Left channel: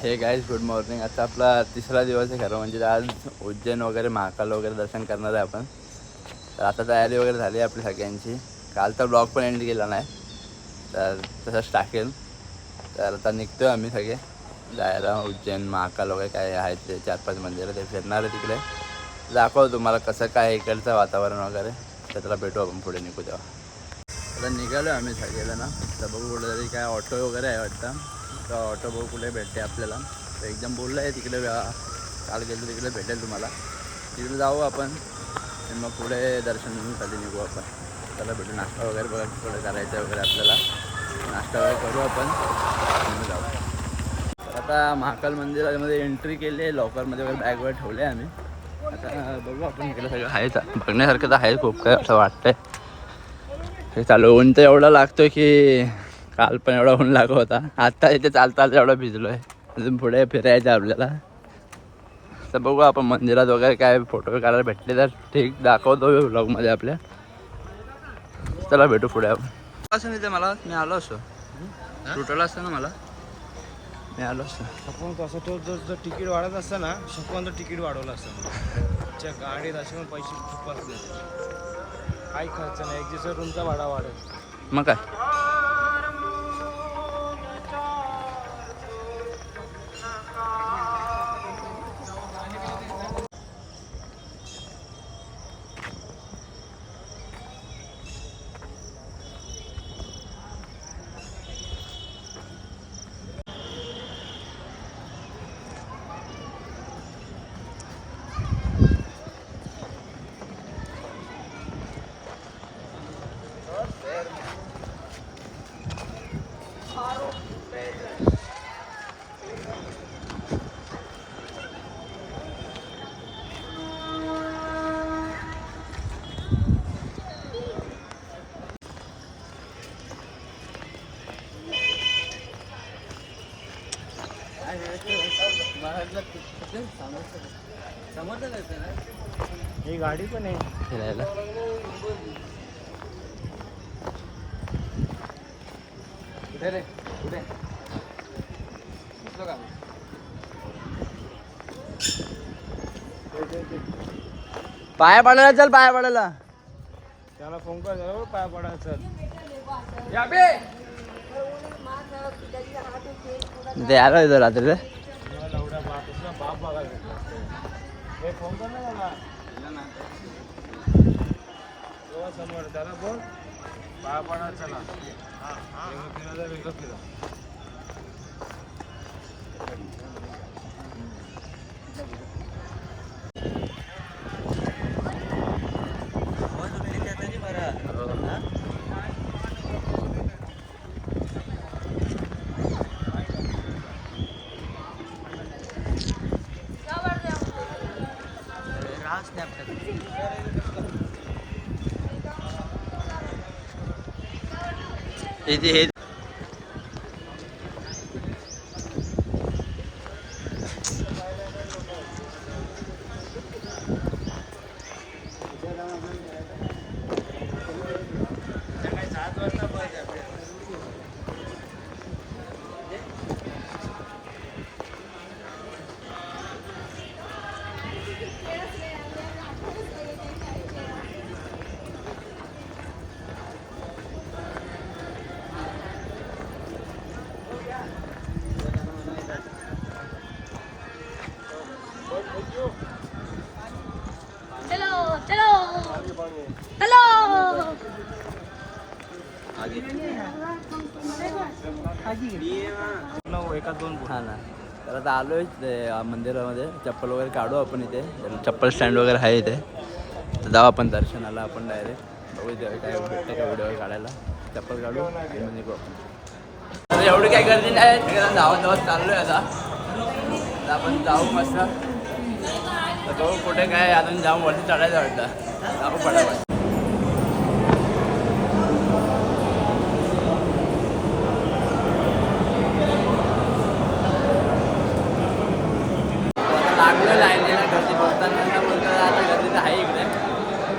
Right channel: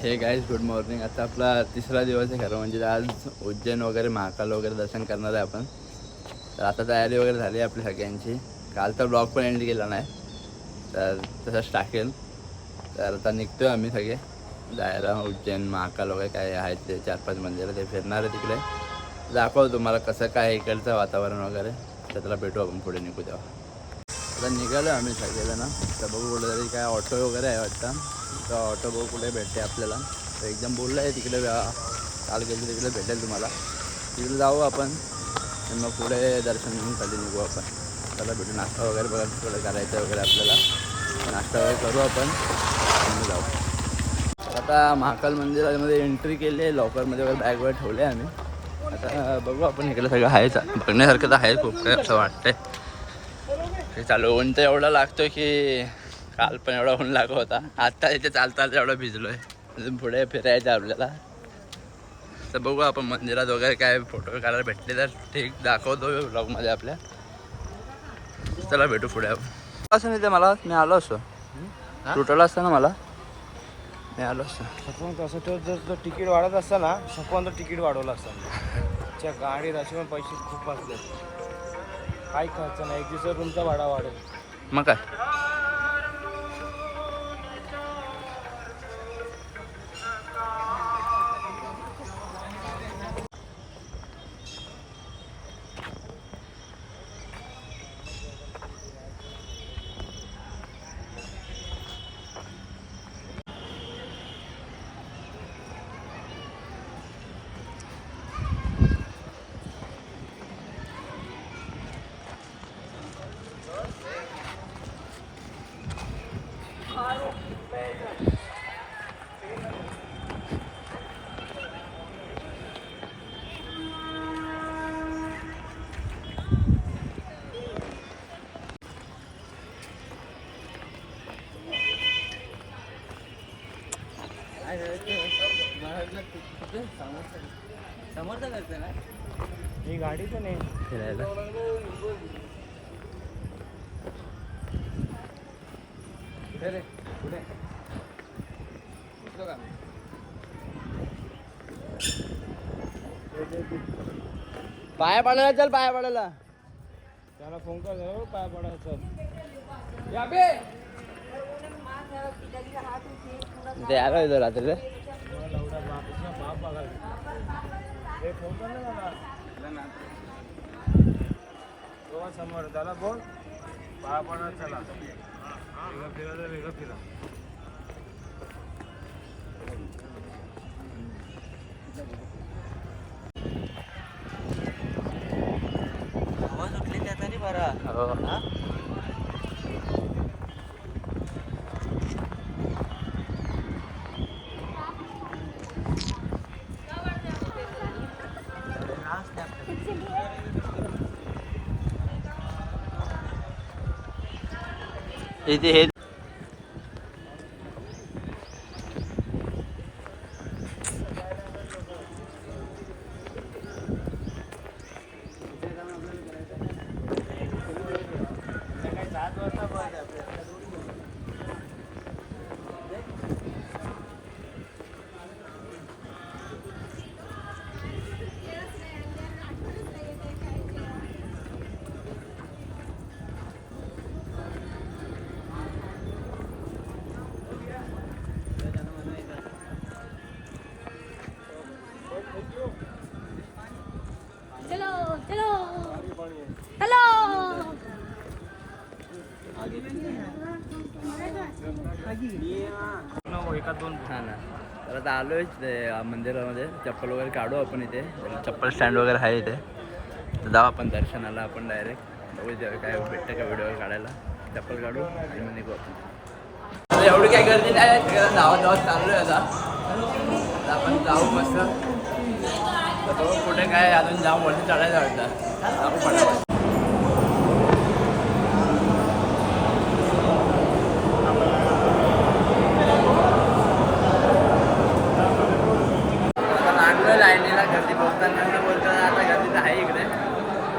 हे guys good morning. आता आपला तिसरा दिवस आहे खरं म्हणजे आज उज्जैन वगैरे महाकाल वगैरे दर्शन करणार आहे आपण. तर आता तयारी वगैरे झाली आहे आपली सगळ्यांची. काल तर ब्लॉग पण एंड केला नाही तर तसंच टाकेल. तर आता निघतो आम्ही सगळे जायला उज्जैन महाकाल वगैरे काय आहेत ते 4-5 मंदिरं ते फिरणार आहे तिकडे. दाखवतो तुम्हाला कसं काय इकडचं वातावरण वगैरे. तर त्याला भेटू आपण पुढे निघू तेव्हा. आता निघालो आम्ही सगळेजण. तर बघू कुठेतरी काय ऑटो वगैरे आहे वाटतं. तर ऑटो बघू कुठे भेटते आपल्याला. तर एकदम बोललं आहे तिकडे काल गेलो तिकडे भेटेल तुम्हाला. तिकडे जाऊ आपण आणि मग पुढे दर्शन खाली निघू आपण. त्याला भेटू. नाश्ता वगैरे बघा थोडं करायचं वगैरे आपल्याला. नाश्ता वगैरे करू आपण आणि जाऊ. तर आता महाकाल मंदिरामध्ये एंट्री केली आहे. लॉकरमध्ये वगैरे बॅग वगैरे ठेवले आहे आम्ही. आता बघू आपण इकडे सगळं आहे बघण्यासारखं तर आहे खूप काय असं वाटतंय. हे चालू ऊन तर एवढा लागतो की काल पण एवढा ऊन लागत होता. आता इथे चालता एवढा भिजलो आहे. अजून पुढे फिरायचं आपल्याला. तर बघू आपण मंदिरात वगैरे काय फोटो काढायला भेटले तर ठीक दाखवतो व्लॉगमध्ये आपल्या. चला भेटू पुढे आपण. असं नाही ते मला मी आलो असतो तुटलं असतं ना मला मी आलो असतो. आपण कसं तो जर तिकीट वाढत असतं ना शकवंत तिकीट वाढवलं असतं. गाडीत असे पण पैसे खूप लागतात. काही खर्च नाही. एक दिवस तुमचा भाडा वाढेल मग काय. ही गाडी पण आहे फिरायला. पाया पडायला चल पाया पडायला. त्याला फोन कर पाय पडायचं. ते आलं इथं रात्री रे. बाप बघायला फोन कर ना मला. समोर त्याला बोल पाया पडायला चला. फिरायला वेगळं फिरा. इथे हे एका दोन हा ना. तर आता आलोय मंदिरामध्ये. चप्पल वगैरे काढू आपण इथे. चप्पल स्टँड वगैरे आहे इथे. तर जाऊ आपण दर्शनाला आपण डायरेक्ट. बघू काय भेटतं का व्हिडिओ काढायला. चप्पल काढू आणि मग निघू आपण. आता एवढी काही गर्दी नाही. सगळ्यांना धावत चाललोय आता आपण जाऊ मस्त. तर बघू कुठे काय अजून जाऊन वरती चढायचं वाटतं. जाऊ पडावं. लागलं लाईनीला गर्दी बोलताना बोलता आता गर्दी तर आहे इकडे.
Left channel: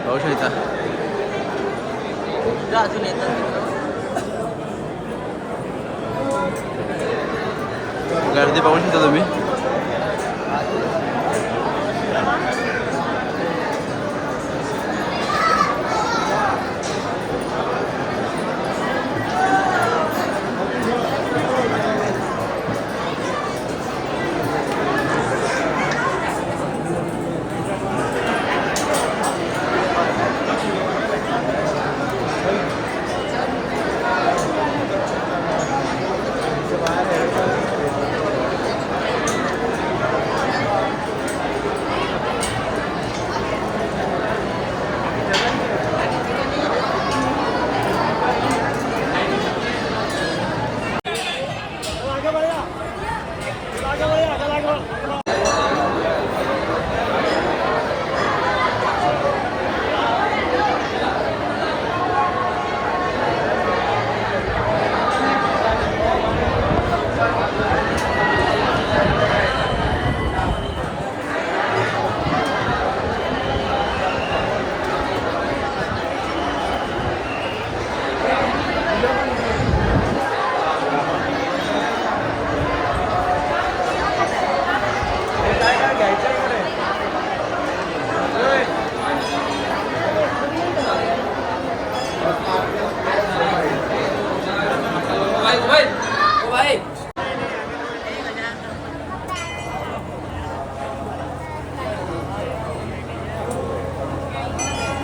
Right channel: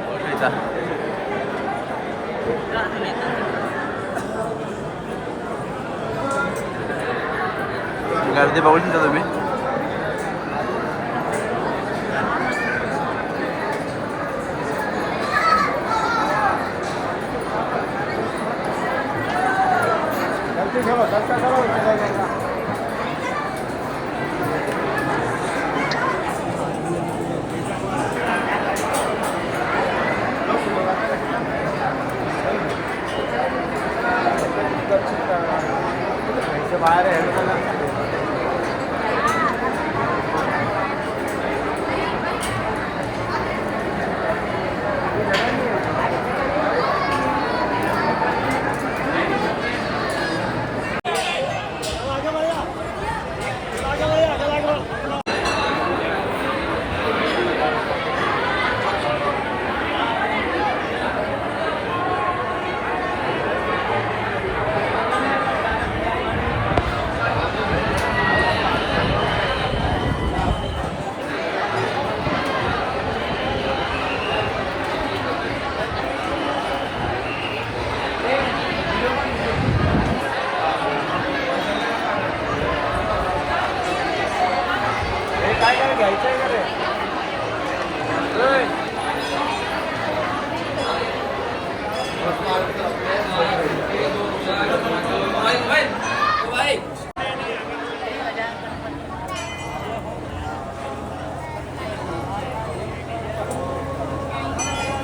बघू शकता. अजून येतो गर्दी बघू शकता तुम्ही.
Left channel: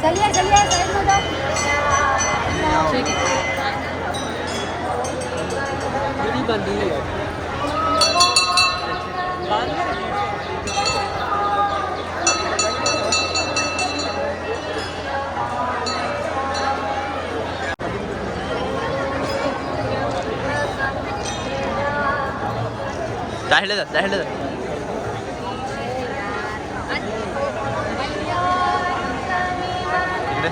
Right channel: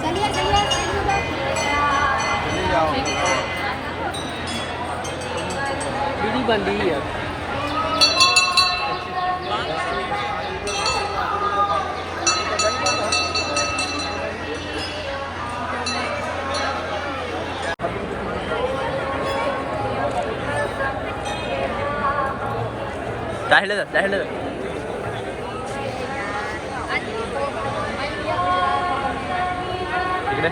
चलिए चलिए जाहिलं जा जाहिलं जा. इकडे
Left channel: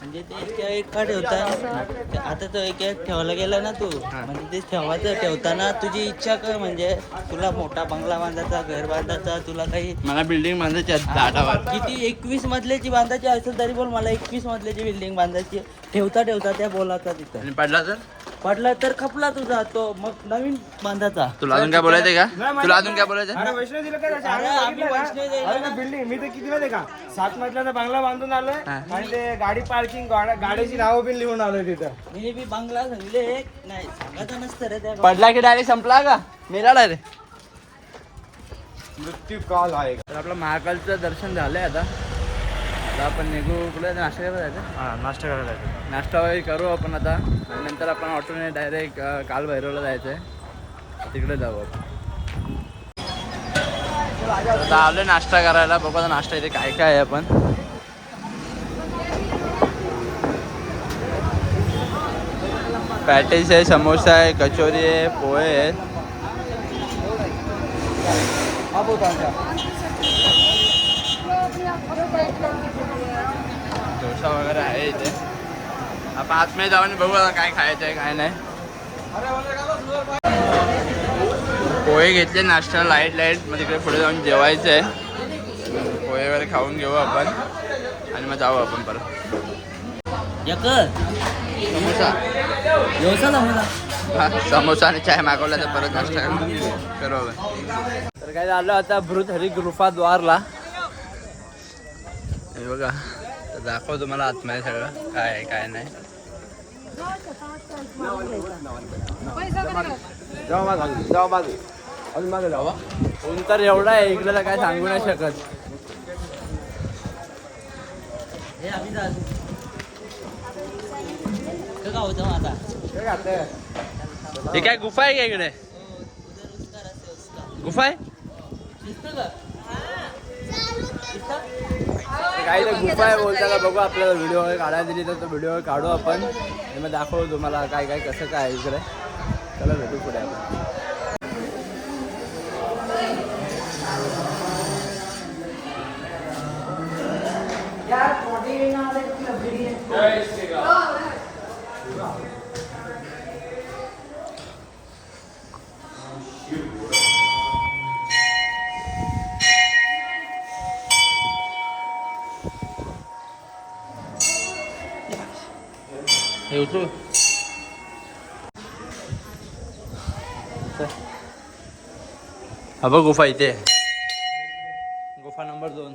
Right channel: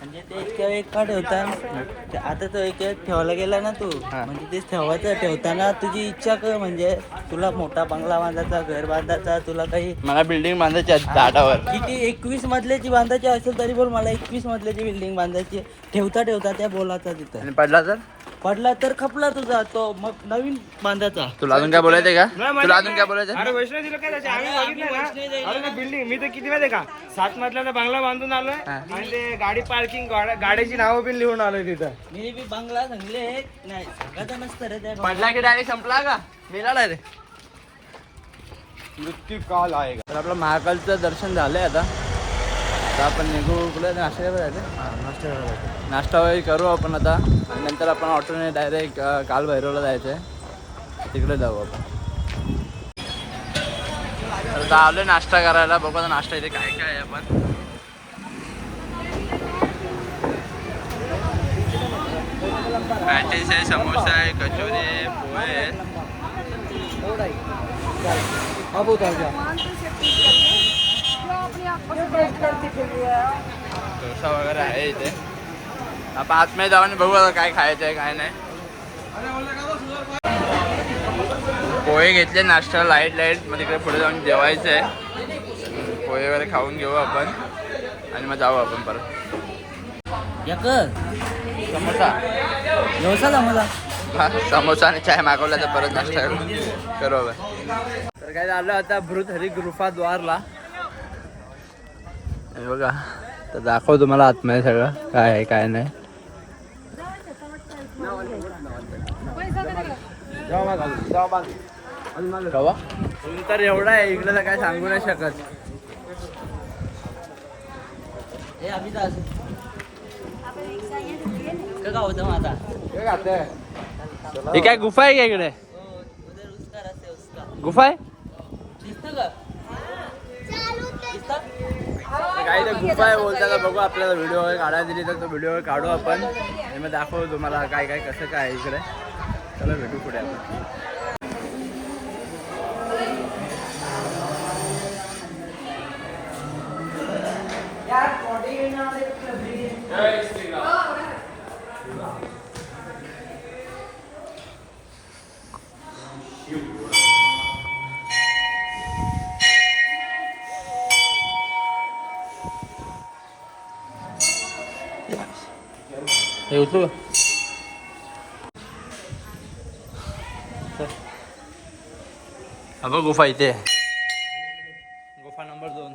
म्हणजे ते एक का ठेवता आता तो एक ठेवायला गेला ना तू म्हणजे ते ठेवताना तुझी इच्छा काय म्हणजे तुला मोठा बंगला बांधायचा घर बांधायचा तुला काही मला बिल्डिंग बांधायची आहे झाडावर. किती 21 मजल्याची बांधायची असेल तरी पण मला 21 मजल्याची बिल्डिंग बांधायची ठेवता त्या बोलाचा तिथं आणि पडला तर पडला तर खपला तुझा तो मग नवीन बांधायचा. तुला अजून काय बोलायचंय का? तुला अजून काय बोलायचं? अरे वैष्णव दिलं काय त्याच्या? आम्ही बघितलं ना. अरे बिल्डिंग मी तर किती माहिती का 7 मजल्याचा बंगला बांधून आलोय आणि ते गाडी पार्किंग गाड्याची नावं पण लिहून आलोय तिथं. मी बी बंगला सांगले नाही सांगायचं नसतं रे त्या पडला की डायरेक्ट संपला का? मेला रे. मृत्यू काल आहे. तर आपलं महाकालचं दर्शन झालंय आता. आता आपण निघू कुठे नाश्ता करायला जायचं? नाश्ता करायला. नाश्ता वगैरे करू आपण आता आणि नंतर आपण ऑटोने डायरेक्ट काल भैरवला जायचं आहे. तिकडे जाऊ आपण. तर आता आलो नाश्ता करायला. बघू आता नाश्ता इथे काय काय आहे. आपण पॅटीस आहे, समोसा आहे, कचोरी आहे, पोहे आहेत. डोसा वगैरे आहे इथे. आपण आतमध्ये जाऊन बघू आता काय खायचं आहे काय नाही. पोहे घेतले नाश्ता लाईट मग तिकडे पुढे जाऊन जेवायचं आहे. पोहे वगैरे खाऊन घेऊ आपण आणि मग जाऊ आपण परत. समोसा हा समोसा आणि चाय मागवला तर परत नाश्ता करू आपण. तर काय झालं आता भृत हरी गुफा द्वारला हे बघा. तर दाखव तुम्हाला आतमध्ये सगळं काय आहे काय नाही. ऊन तर एवढा आहे इकडे तर काय सांगू नाही शकत. हे काय गुफा आहे का इकडे? गुफा आहे काही तर गुफा आहे बोलता. बघू आपल्याला व्हिडिओ वगैरे काढायला दिली तर तो व्हिडिओ काढू आपण आणि मग दाखवू तुम्हाला काय काय कसं काय आहे इकडे. चला भेटू पुढे आपण. हे उचलू हा बघ गुफा इथे गुफा नंबर 2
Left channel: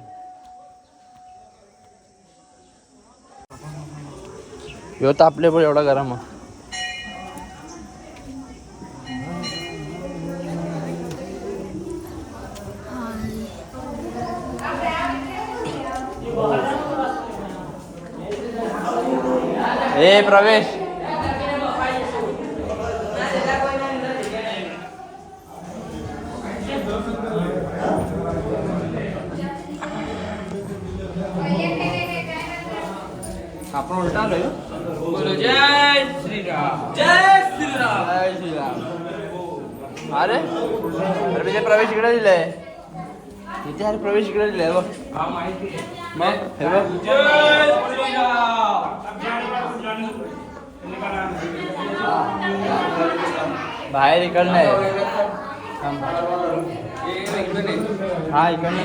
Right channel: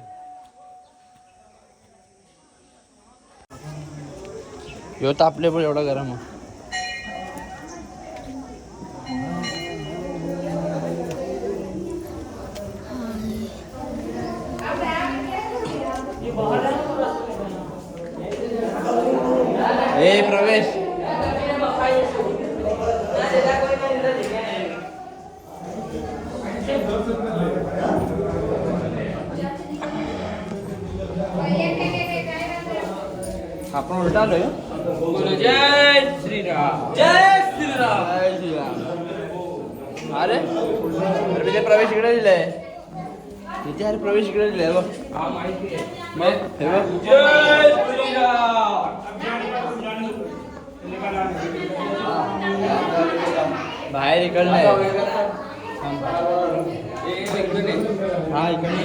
ह्यो तर आपले पण एवढा गरम आहे ए प्रवेश आपण उलटा आलोय जय श्रीराम जय श्रीराम जय श्रीराम अरे तिथे प्रवेश इकडे दिलाय तिथे अरे प्रवेश इकडे दिलाय बघ मग हे बघ बाहेर इकडं नाही हा इकडनं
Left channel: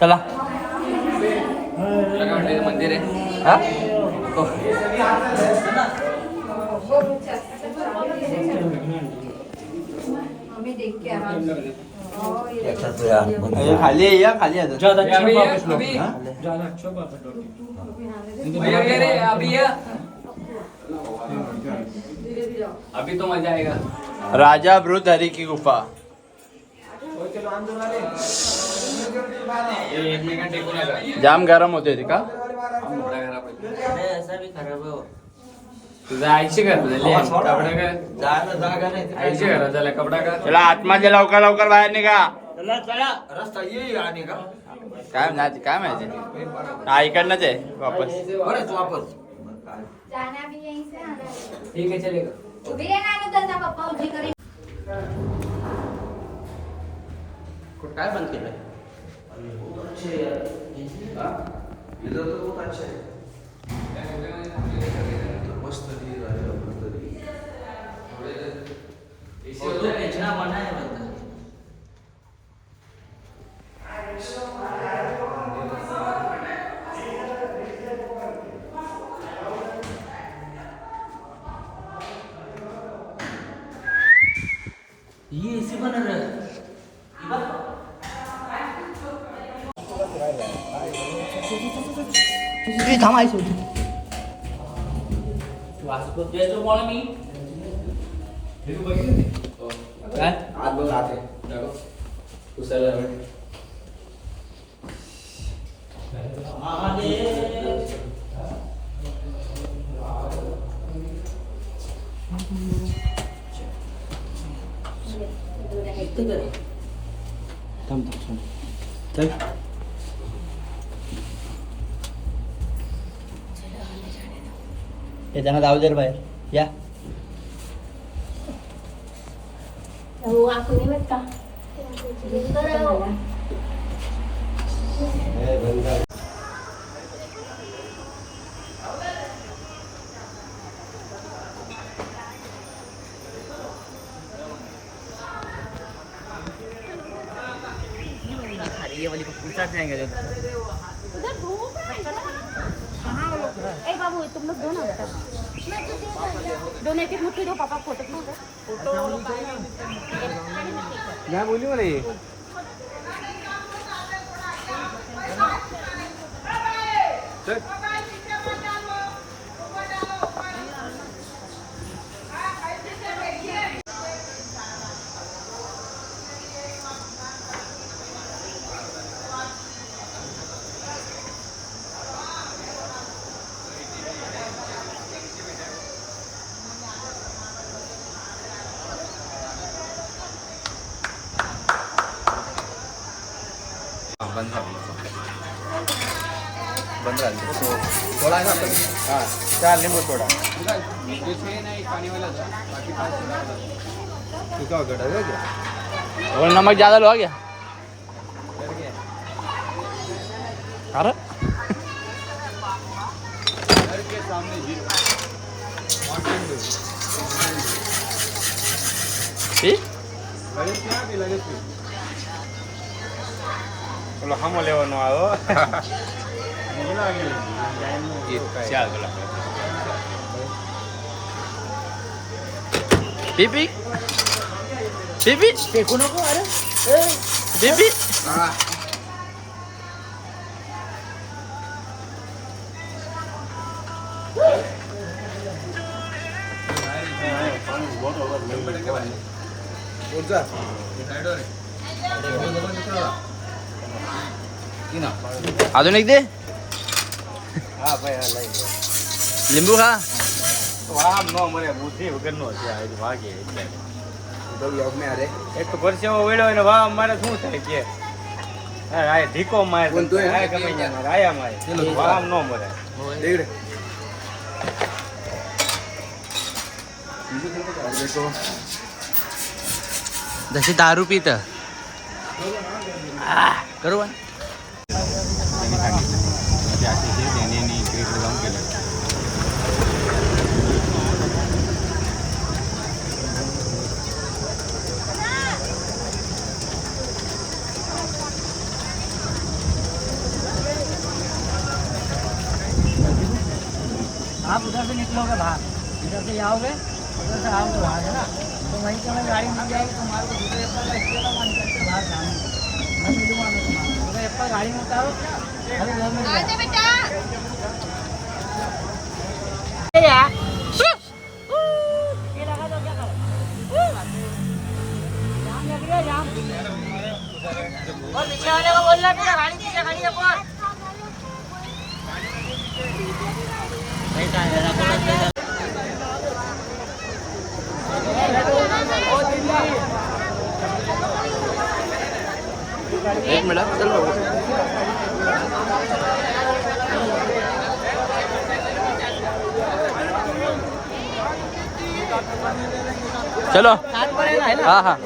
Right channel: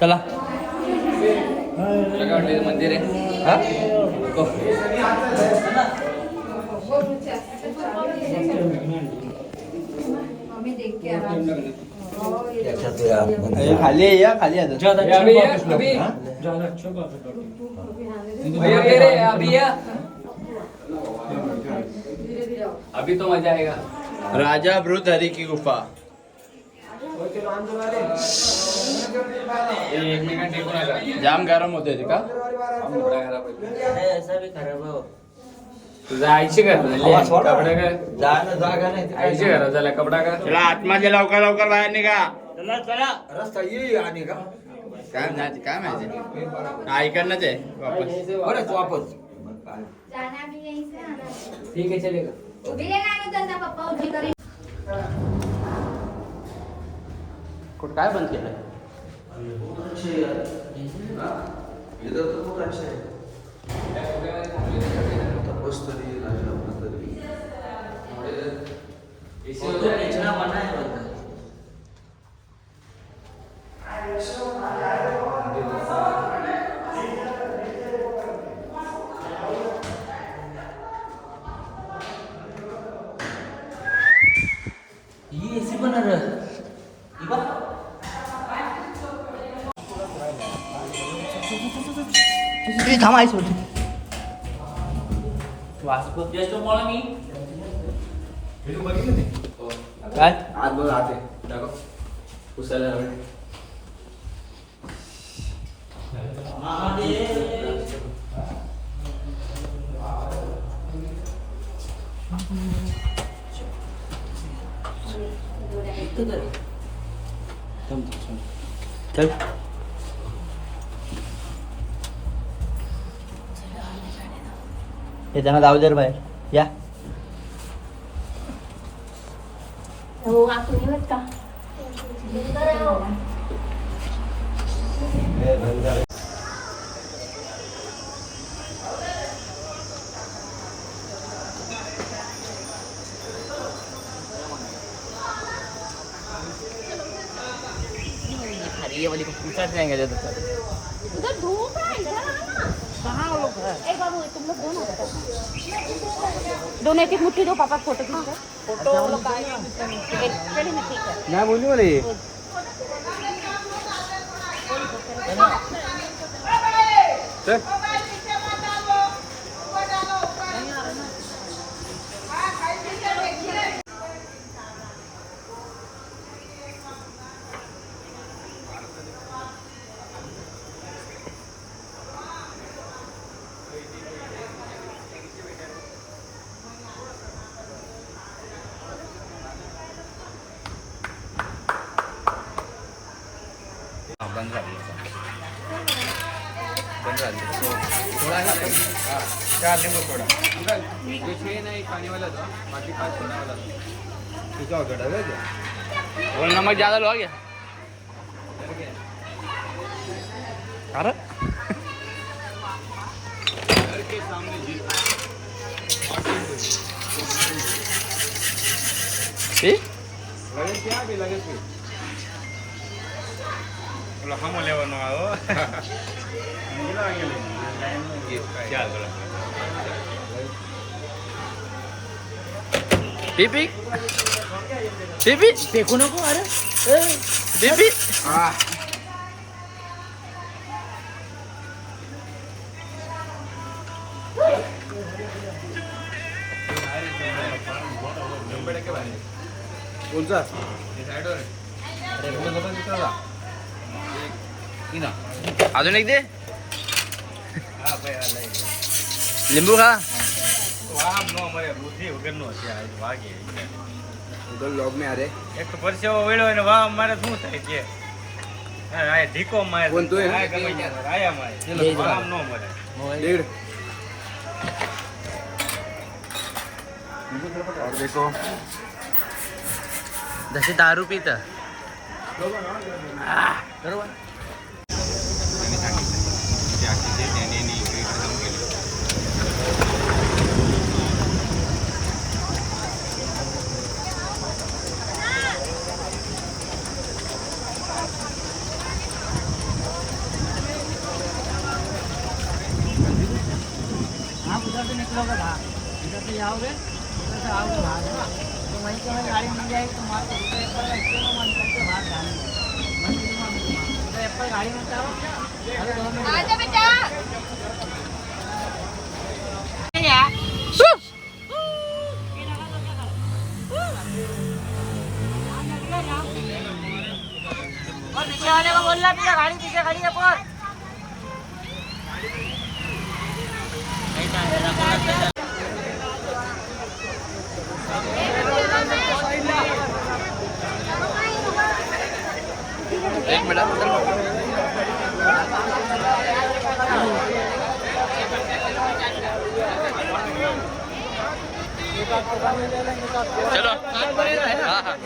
चला मंदिर खाली या खाली अभी तो मजा आएगा राजा भृतहरि की गुफा जाम गरम होते रे का तुझं आईशी चला आत्माच्या लवकर लवकर बाहेर निघा रस्ता ये आने का काय नाही काय माहिती हा इकडनंच आहे वापस बरंच वापस जाना भी यहीं से आना है। ठीक है चलेगा उभी आहे ना निकलता पप्पा उजी करेन कुठं काय बंद केलंय ही एसी पण थांबायचं काय चल हे त्यांना जाऊ दे रे बाहेर या हो आपण येत का ये वाली को पूछा जाएंगे जब उधर धूप है कहाँ लोग ए बाबू तुम लोग दो ना दोनों एक मुट्ठी दो पापा फोटो खींच फोटो मैं बोली वाले बंद थोड़ा है ना क्या लिंबू थोड़ा इसमें ना एक पानी वाला था बाकी 5 सोडा वाला था क्या घटा है क्या और नमक ज़्यादा लो आ गया अरे पी लगेच हा मोठ्या बनवा पी पी पी पी फेकू नको अरे पी पी अजून एक दे लिंबू खा એક તો પરસેવો વળ્યો ને વાહ અમારે શું થાય કે આ ઢીકો મારે આયા મારે વાહ ન મરે जसे दारू पित बरोबर आप उधर से निकलोगे बाहर इधर से जाओगे उधर से आओगे बाहर है ना तो वहीं पर गाड़ी मिल जाएगी तुम्हारे को दूसरे पर रस्ते का मन करके बाहर जाने मैं मिलूंगा मैं तुम्हारा अगर एक पर गाड़ी में उतारो अरे 2 मिनट और पीछे वाले को बोलना पीछे गाड़ी है पर एक मिनट चलो चलो हाँ हाँ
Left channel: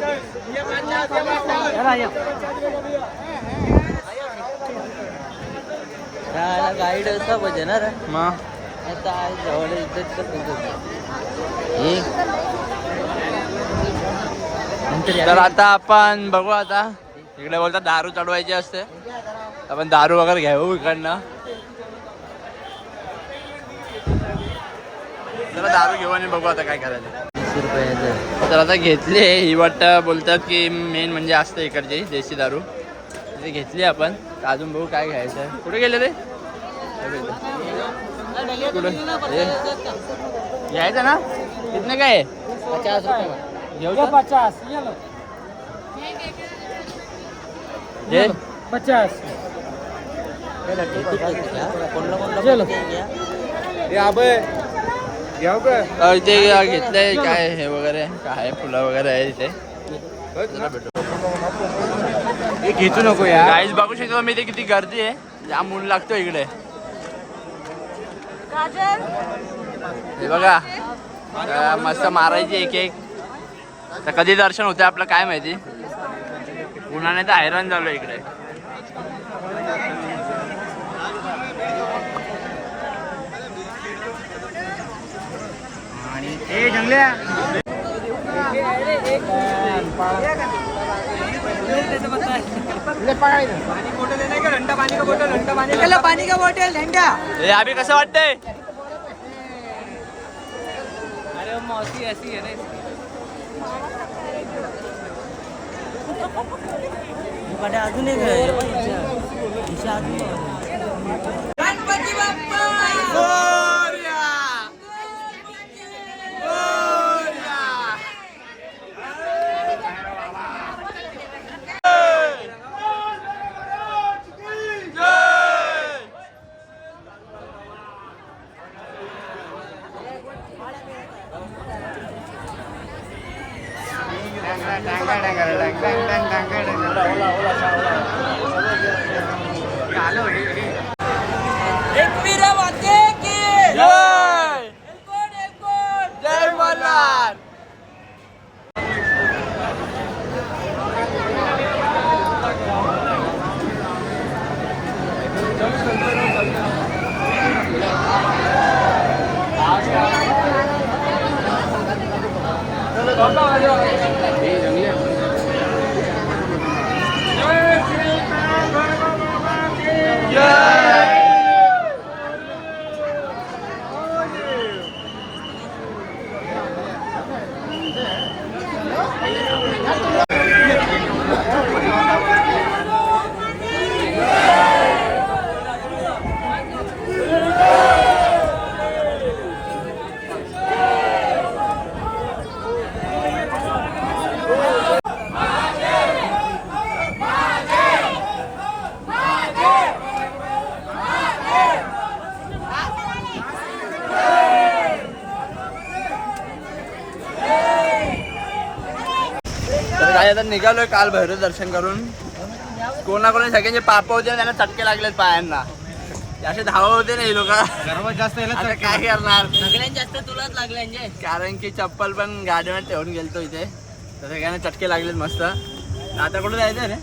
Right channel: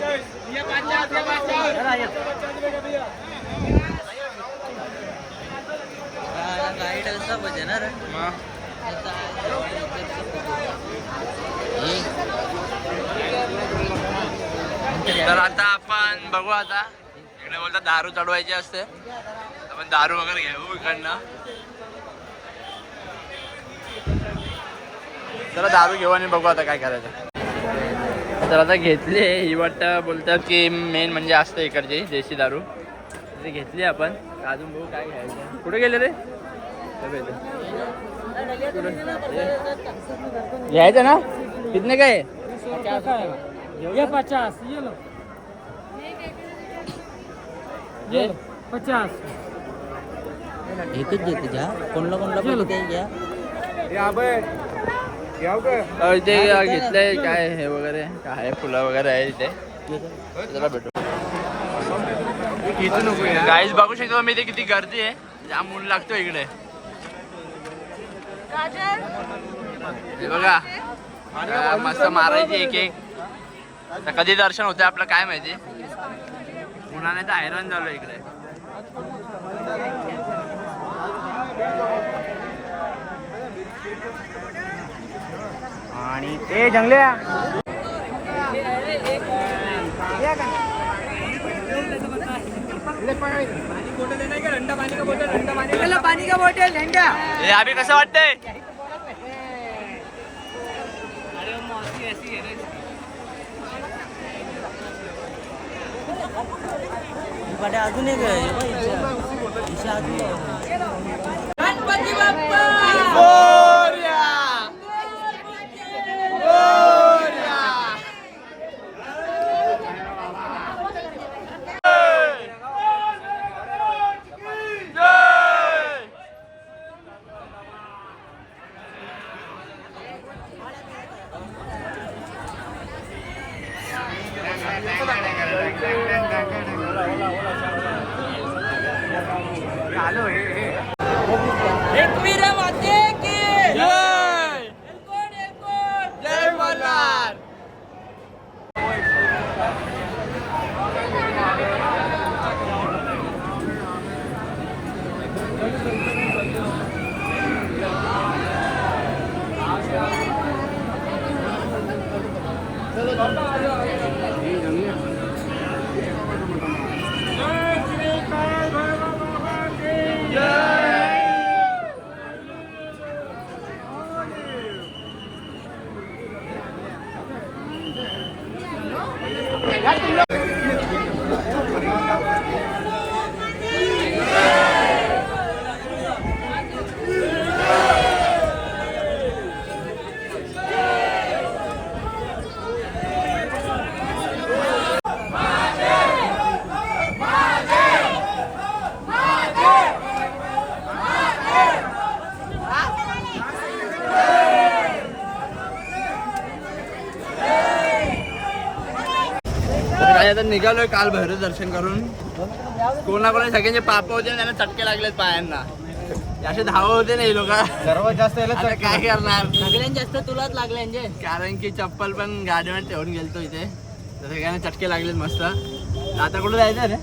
गाईड कब होते ना रे मग आता जवळ इज्जत करतो तर आता आपण बघू आता इकडे बोलतात दारू चढवायची असते आपण दारू वगैरे घ्यावं इकडनं चला दारू घेऊ आणि बघू आता काय करायचं तर आता घेतली ही वाटतं बोलतात की मेन म्हणजे असतं इकडची देशी दारू ती घेतली आपण तर अजून बघू काय घ्यायचं कुठे गेले रे कुठे घ्यायचं ना कितने काय 50 ये लो ये 50 एकच देते का कोणला इथे घेतलंय काय हे वगैरे काय फुलं वगैरे आहे इथे जरा भेटू घेतू नको यार गाईज बघू शकतो मी इथे किती गर्दी आहे जाम ऊन लागतो इकडे हे बघा मस्त मारायची एक एक तर कधी दर्शन होते आपलं काय माहिती उन्हाने तर हैराण झालो इकडे आणि ए जंगल्या पाणी का बॉटल ठंडा हे अभि कसं वाटतंय अजून एक अजून गणपती बाप्पा जय मल्हार तर काय आता निघालोय काल भैरव दर्शन करून. कोणाकोणा सगळ्यांचे पाप होते त्यांना चटके लागलेत पायांना. असे धावा होते ना हे लोक. सर्वात जास्त आता काय करणार सगळ्यात जास्त तुलाच लागले कारण की चप्पल पण गाडीवर ठेवून गेलतो इथे तर सगळ्यांना चटके लागलेत मस्त. आता कुठं जायचं रे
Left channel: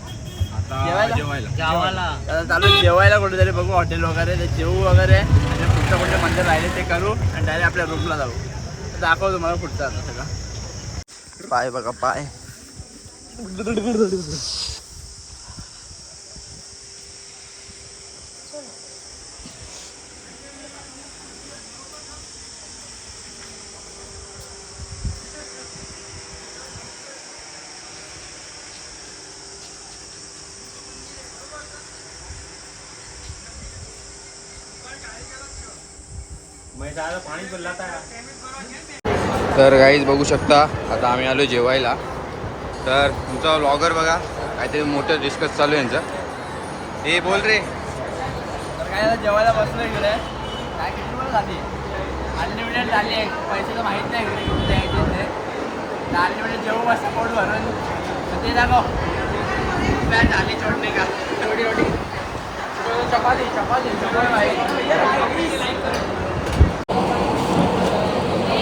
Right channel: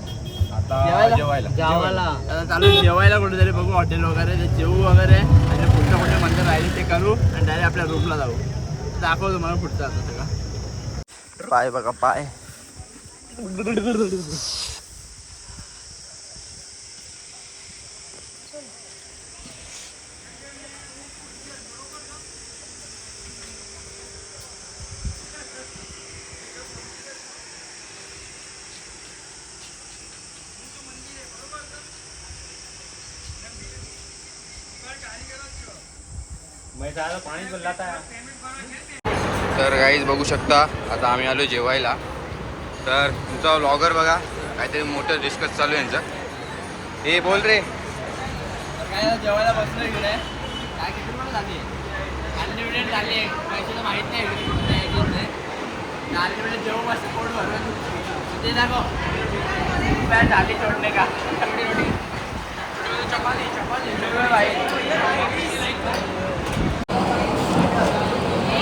जेवायला. आता चालू जेवायला कुठेतरी बघू हॉटेल वगैरे ते जेवू वगैरे आणि पुढचं कुठे मंदिर राहिले ते करू आणि डायरेक्ट आपल्या रूमला जाऊ. दाखवतो तुम्हाला पुढचं आता सगळं. पाय बघा पाय. तर गाईज बघू शकता आता आम्ही आलो जेवायला. तर तुमचा व्लॉगर बघा काहीतरी मोठं डिस्कस चालू आहे यांचं. हे बोल रे. तर काय जेवायला बसलो इकडे. काय किती रुपये झाली अनलिमिटेड झाली आहे. पैसे तर माहीत नाही इकडे किती द्यायचे नाही. तर अनलिमिटेड जेवू मस्त पोट भरून ते दाखव काय झाली छोटे का एवढी एवढी चपाती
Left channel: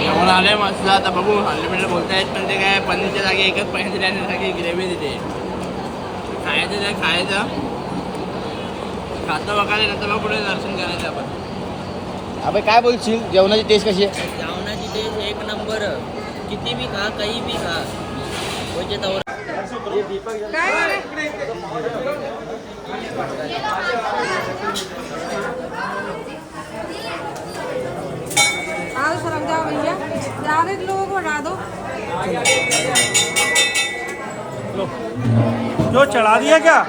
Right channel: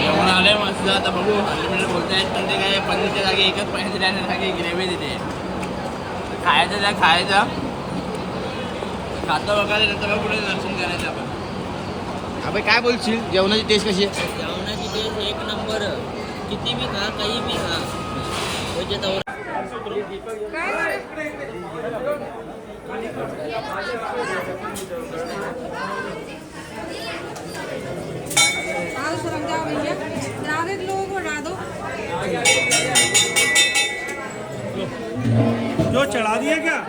जेवण आले मस्त. आता बघू अनलिमिटेड बोलतायत पण ते काय पनीरच्या जागी एकच पनीरच्या जागी ग्रेव्ही देते. खायचं त्या खायचं खातं वगैरे नंतर मग पुढे दर्शन करायचं आपण. अबे काय बोलशील जेवणाची टेस्ट कशी आहे? जेवणाची टेस्ट एक नंबर. किती भी खा काही भी खा म्हणजे तवर. लोगों को हटा दो. जो चढ़ा दिया क्या?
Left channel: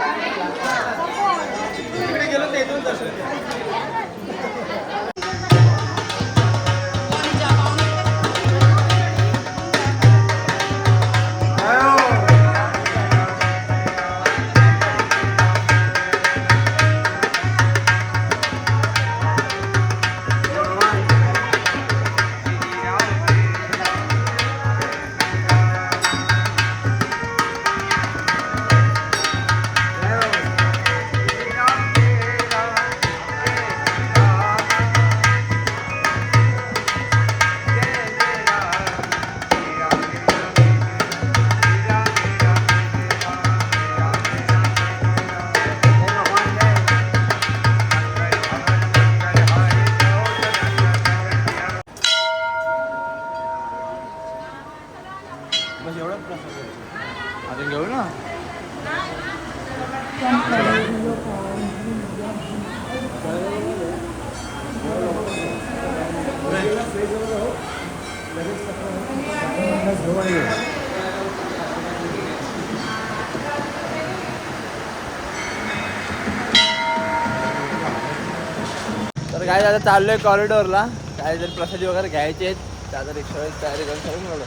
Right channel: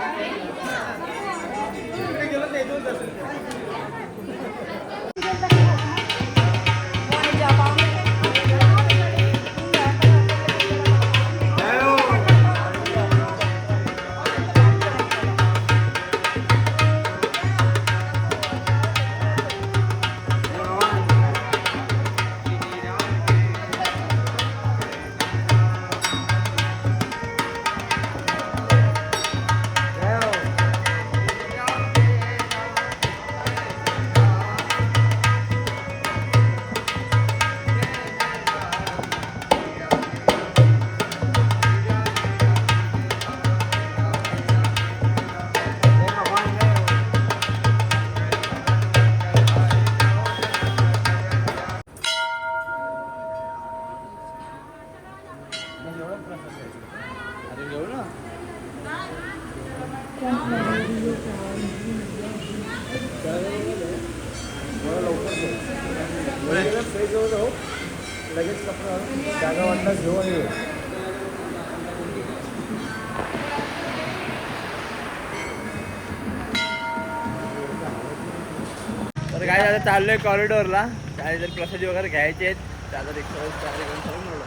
तर काय आता चाललोय कॉरिडोरला. काय जर प्रसादी वगैरे घ्यायचे आहेत त्याचा रिक्षा तयारी करून सगळं मिळवलं.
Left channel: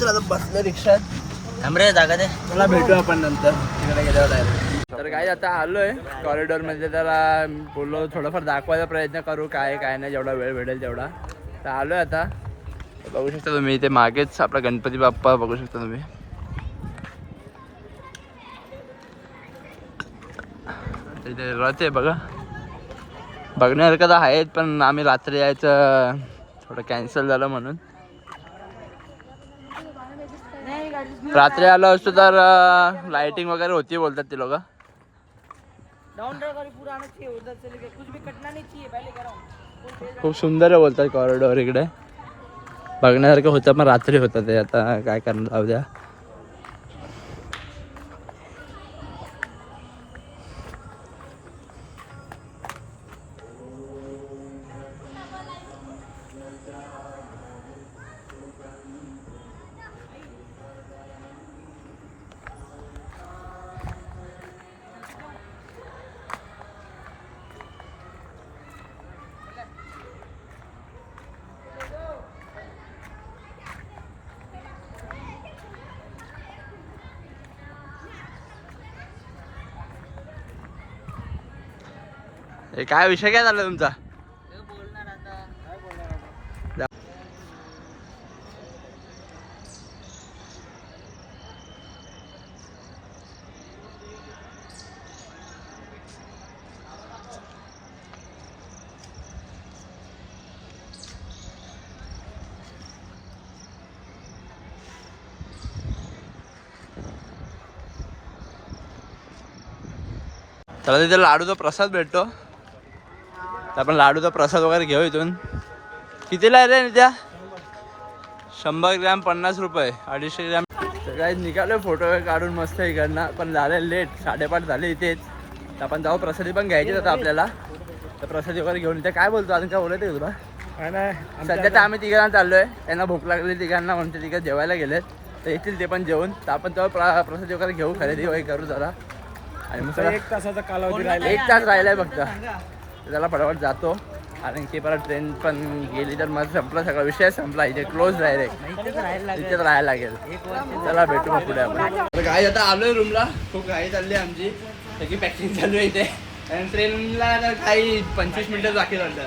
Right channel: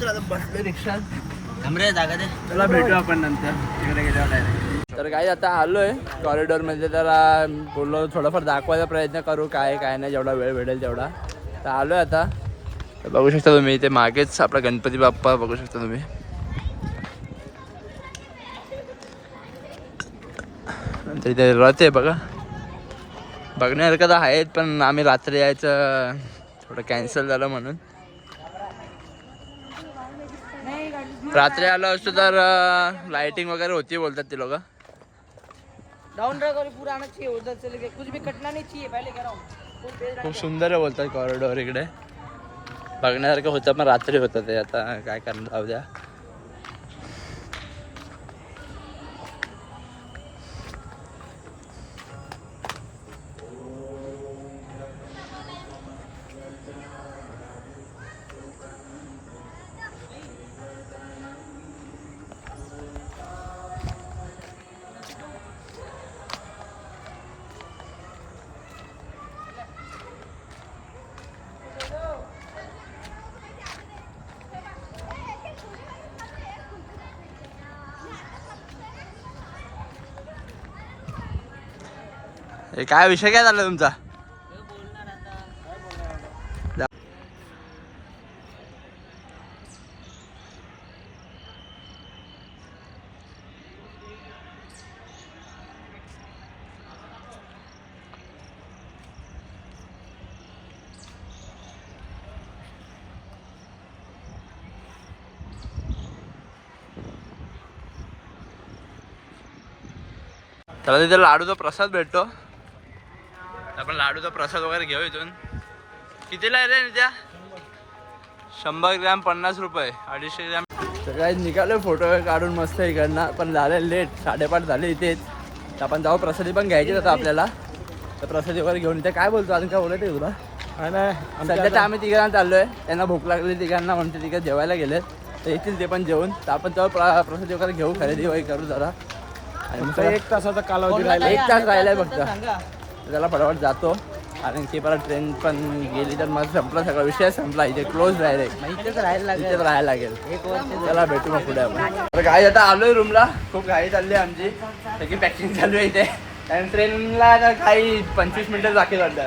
तर आता बसलं रिक्षात. जागा दे. चला भेटू आपण नंतर तिकडे गेल्यावर डायरेक्ट. तर काय आता आलोय कॉरिडोरमध्ये. तर बोललो थोडंफार दाखवायचा प्रयत्न करू काय काय नाही जेवढा वेळ भेटेल तेवढा. तर आलोय आता. बघू शकता तुम्ही इथे मागेच आपला गणपती बाप्पा बघू शकता तुम्ही. नंतर इथे रथ आहे बघा. बघण्यासारखं तर आहेत पण आम्ही रात्री यायचं थोडं कॅन्सल झालं म्हणून. रात्री आलो असतो तर लाइटिंग वगैरे होती बोलतात ते लोक. खूप सुंदर आहे बोलतात कॉरिडोर इकडे. बघण्यासारखं होतं पण रात्री होतं ते. आता काय करणार जाऊ द्या. हे काय विषय काय झाला तुमचा? त्याला तिथे लाडूचा प्रसाद भेटतो, तर आपण लाडूचा प्रसाद वगैरे घेऊ इथून. कितीला आहे रे नित्या? 100 ग्रॅम 50 रुपये, 250 ग्रॅम. तर काही निघालो फोटो वगैरे काढून मस्त इकडनं, पण झाले लेट, 5:30 झाले इथेच. तर आपण जाऊ, प्रसादी पण घ्यायची होता आपल्याला, तर प्रसादी वगैरे घेऊन इथे. काय बोलतो अजून, काय बोलायचं तुला? काय नाही, सध्या तर आम्ही तिघांना चाललोय, त्यांना भूक लागली तिघांना म्हणून ते तिघं जेवायला गेलेत, तर येतील ते पण जेवून. तर आपण तेव्हा प्रसादी वगैरे घेऊ, खरेदी वगैरे करू जरा. आणि मग सगळं 1 तासाचा कालावधी राहिला. 1 तास राहिलाय फक्त, तर त्याला फटाफट जातो. आणि ती परत ट्रेन पण गेली तर मग संपला, सगळा विषय संपला, इथे क्लोज डायरेक्ट, इथेच राहायला लागेल. चला भेटू मग पुढे आपण. तर घाई आता आलोय रूमला, खूप घाई चालली आहे आमची, सगळी पॅकिंग चालू आहे इथे. आणि ट्रेनला काही 25 मिनिटं बाकी वाटतं,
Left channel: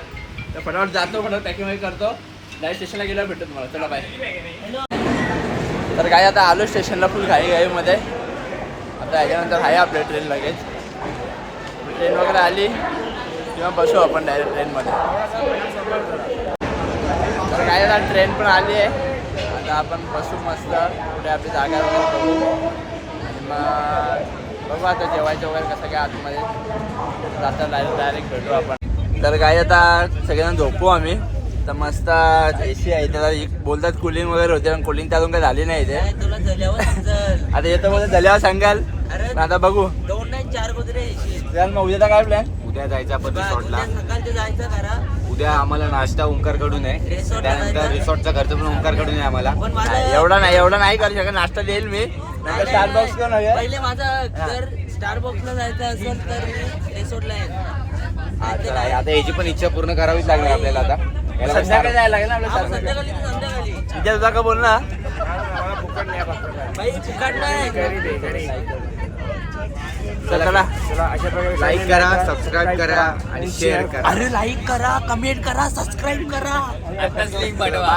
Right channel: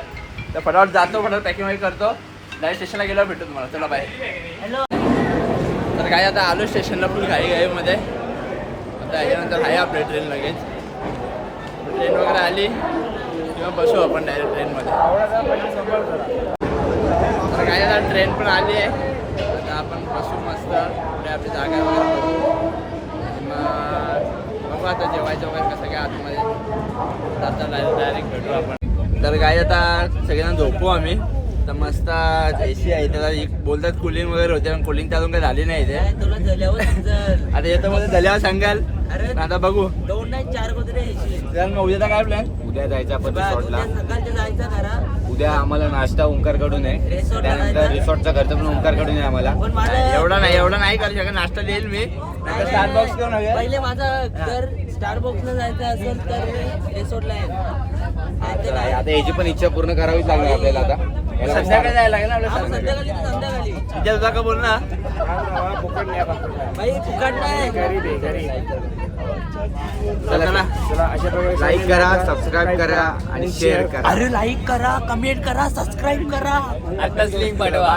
तर फटाफट जातो, फटाफट पॅकिंग वगैरे करतो. डायरेक्ट स्टेशनला गेल्यावर भेटतो तुम्हाला. चला बाय. तर काय आता आलो स्टेशनला, फुल घाईमध्ये. आता याच्यानंतर आहे आपल्या ट्रेन लगेच. ट्रेन वगैरे आली किंवा बसू आपण डायरेक्ट ट्रेनमध्ये. तर काय आता ट्रेन पण आली आहे, आता आपण बसू मस्त, पुढे आपली जागा वगैरे बघू. आणि मग बघू आता जेवायचं वगैरे कसं काय आतमध्ये जाता, डायरेक्ट भेटू आपण. तर काय आता सगळ्यांना झोपू आम्ही. तर मस्त AC आहे, त्याला बोलतात कूलिंग वगैरे होते, पण कूलिंग तर अजून काही झाली नाही इथे. आता येतो मध्ये झाल्यावर सांगाल, आता बघू. 2 नाही 4 कुत्रे मग उद्याचा काय प्लॅन? उद्या जायचं आपण रिसॉर्टला. सकाळचे जायचं खरा. उद्या आम्हाला नाश्ता ओंकारकडून आहे, त्यानंतर रिसॉर्टचा खर्च पण ओंकारकडून आहे आम्हाला. पण मला एवढा नाही करू शकत, नाश्ता देईल मी. नंतर स्टारबक्स घेऊन हवे. पहिले माझा जर स्टारबक्सला जायचं असेल तर मी रिसॉर्टला आहे. आता याची पण इच्छा पूर्ण करावीच लागणार आपल्याला. आता संध्याकाळी जायला लागेल ना आपल्या संध्याकाळी तर संध्याकाळी. तिच्या तुझा का बोल ना. बाई फुकट नाही. चला अशा प्रकारे लाईक करा, सबस्क्राईब करा आणि शेअर करा. अरे लाईक करा, कमेंट करा, सबस्क्राईब करा. आताच लिंक पाठवा.